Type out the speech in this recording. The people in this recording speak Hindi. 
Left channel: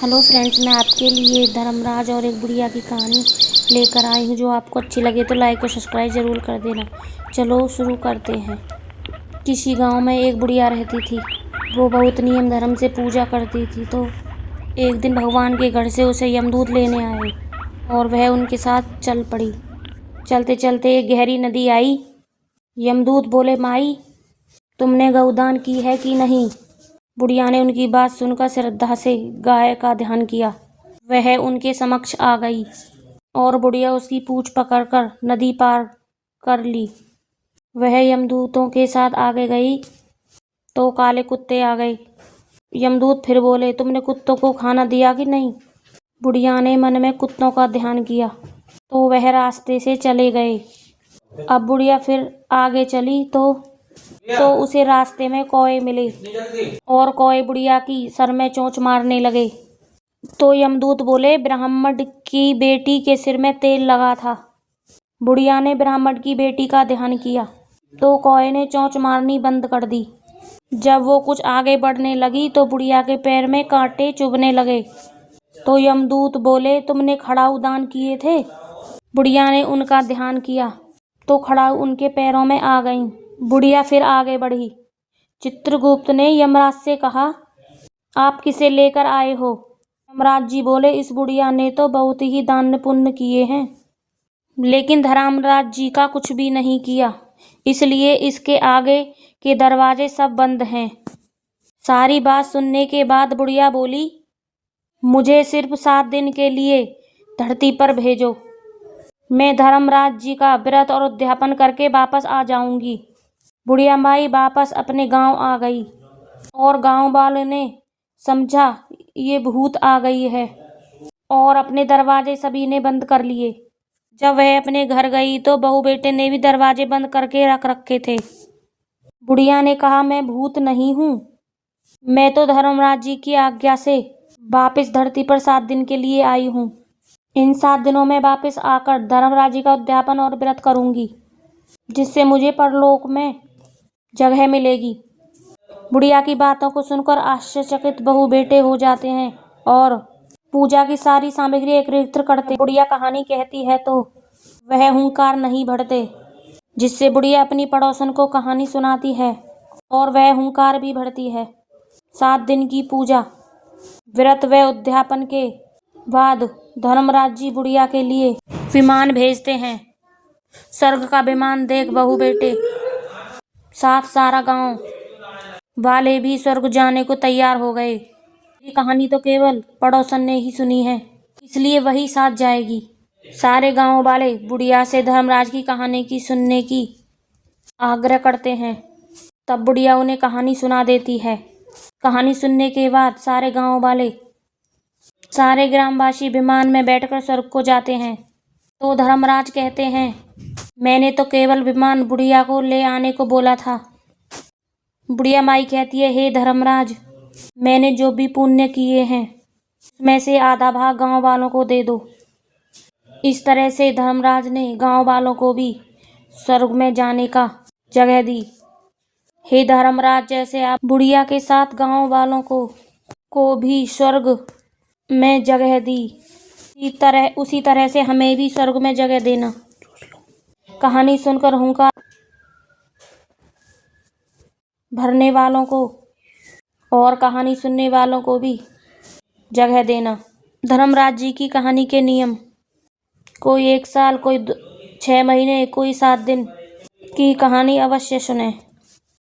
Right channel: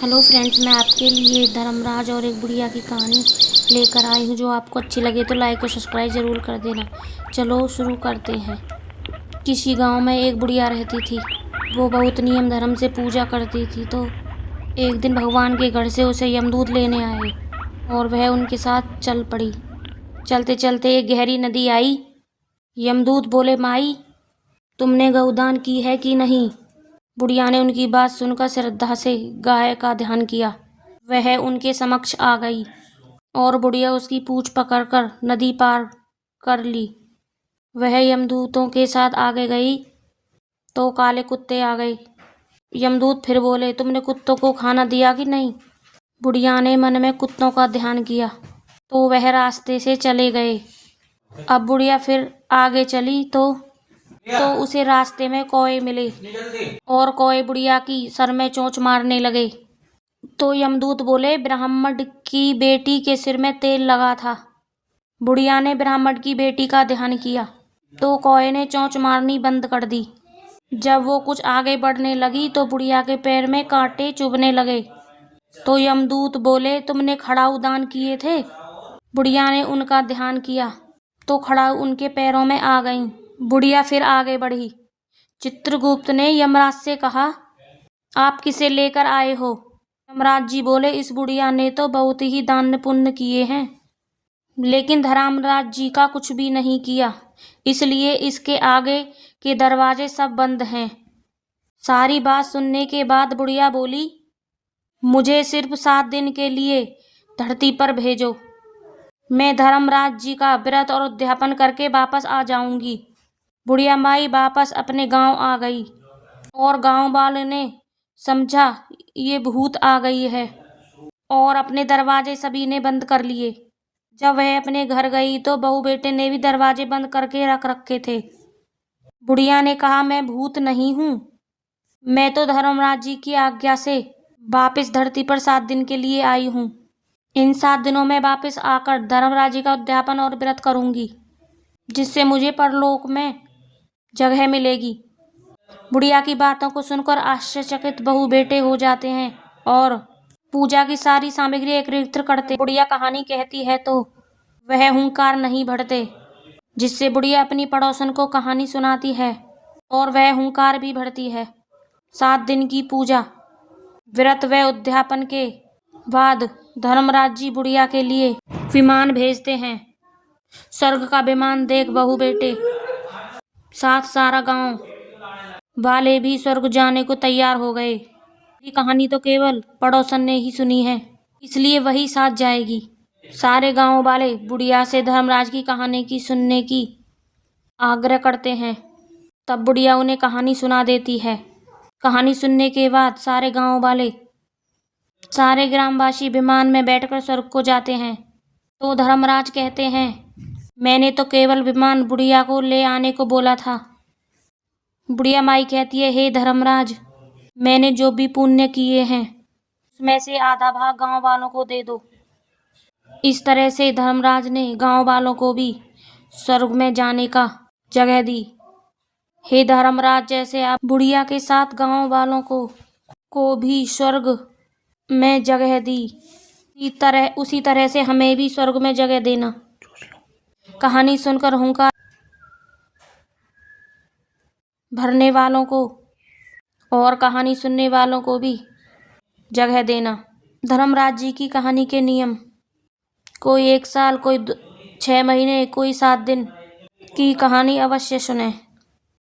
हेलो फ्रेंड्स, मैं आपके लिए धर्मराज और एक बुढ़िया की कहानी लेकर आई हूँ। जो आपको अच्छी लगे तो लाइक और सब्सक्राइब ज़रूर कर देना। चलो शुरू करते हैं। किसी गांव में एक बुढ़िया रहती थी। वो बहुत नियम धर्म से पूजा करती थी। तो एक दिन भगवान के घर से उसे यमदूत लेने आए और वह उनके साथ चल पड़ी। चलते चलते एक गहरी नदी आई। यमदूत बोले, माई, तुमने गौदान की है कि नहीं? बुढ़िया ने उनकी बात सुनकर श्रद्धा से गाय का ध्यान किया। वह उनके समक्ष आ गई और बुढ़िया उसकी पूंछ पकड़कर नदी पार कर ली। वह यमदूतों के साथ आगे गई तो काले कुत्ते आ गए। यमदूत फिर बोले, तुमने कुत्तों को खाना दिया कि नहीं? बुढ़िया ने मन में कुत्तों का ध्यान किया तो वह रास्ते से चले गए। अब बुढ़िया फिर आगे चली तो उसे रास्ते में कौए मिले और कौए बुढ़िया की सर में चोंच मारने लगे। तो यमदूत बोले, ब्राह्मण की बेटी के सिर में तेल लगा था। बुढ़िया ने ब्राह्मण की बेटी का ध्यान किया तो कौए ने चोंच मारनी बंद कर दी। जब वो कुछ आगे बढ़ने लगी तो बुढ़िया के पैर में कांटे चुभने लगे। तो यमदूत बोले, तुमने खड़ाऊ दान किए थे? बुढ़िया ने उनका ध्यान किया तो खड़ाऊ उनके पैरों में आ गई। बुढ़िया फिर आगे बढ़ी। चित्रगुप्त ने यमराज से कहा, आप किसे लेकर आए हो? यमराज जी बोले, इस बुढ़िया ने तो बहुत ही दान पुण्य किए हैं, लेकिन धर्मराज जी का कुछ भी नहीं किया, इसलिए इसके आगे के दरवाजे सब बंद हैं। सारी बात सुनने के बाद बुढ़िया बोली, मुझे सिर्फ 7 दिन के लिए धरती पर भेजो। मैं धर्मराज जी का व्रत और उद्यापन करके वापस आ जाऊंगी। बुढ़िया माई वापस अपने गांव आ गई और गांव वाले ने समझा ये भूत आ गई है और अपने दरवाजे सभी ने बंद कर लिए। जब वह अपने घर गई तो बहू बेटे ने भी दरवाजे बंद करके रख रखे थे। बुढ़िया ने कहा, मैं भूत नहीं हूँ, मैं तो धर्मराज जी की आज्ञा से वापस धरती पर 7 दिन के लिए आई हूँ। इन 7 दिनों में वापस आकर धर्मराज जी का उद्यापन और व्रत करूंगी, जिससे मुझे परलोक में जगह मिलेगी। बुढ़िया की बातों को सुनकर आश्चर्यचकित बहू बेटे हो जाते हैं और पूजा की सारी सामग्री एकत्रित करते हैं। बुढ़िया कहानी कहती है तो वह हुंकार नहीं भरते, जिससे बुढ़िया अपनी पड़ोसन को कहानी सुनाती है और वह हुंकार भी भरती है। 7 दिन की पूजा, व्रत व उद्यापन के बाद धर्मराज जी बुढ़िया के लिए विमान भेजते हैं। स्वर्ग का विमान देख बहू बेटे साथ सारा गांव वाले भी स्वर्ग जाने को तैयार हो गए। ये कहानी तो केवल पड़ोसन ने ही सुनी है, इसलिए वही साथ जाएगी। सारे गांव वाले बुढ़िया से धर्मराज की कहानी की सुनने की आग्रह करते हैं। तब बुढ़िया उन्हें कहानी सुना देती है। कहानी सुनने के बाद सारे गांव वाले, सारे ग्रामवासी विमान में बैठकर स्वर्ग को जाते हैं। तो धर्मराज कहते हैं, मैंने तो केवल विमान बुढ़िया को ले आने को बोला था। बुढ़िया माई कहती है, हे धर्मराज, मैंने जो भी पुण्य किए हैं उसमें से आधा भाग गांव वालों को दे दो। इस तरह से धर्मराज ने गांव वालों को भी स्वर्ग में जाने का जगह दी। हे धर्मराज, जैसे आप बुढ़िया के साथ गांव वालों को भी स्वर्ग में जगह दी, उसी तरह से हमें भी स्वर्ग में जगह देना। कहानी सुनकर हुंकार भरने वालों को और कहानी सुनने वालों को भी जगह देना। धर्मराज जी की कहानी के नियम, कोई 1 साल, कोई 6 महीने, कोई 7 दिन की कहानी अवश्य सुने।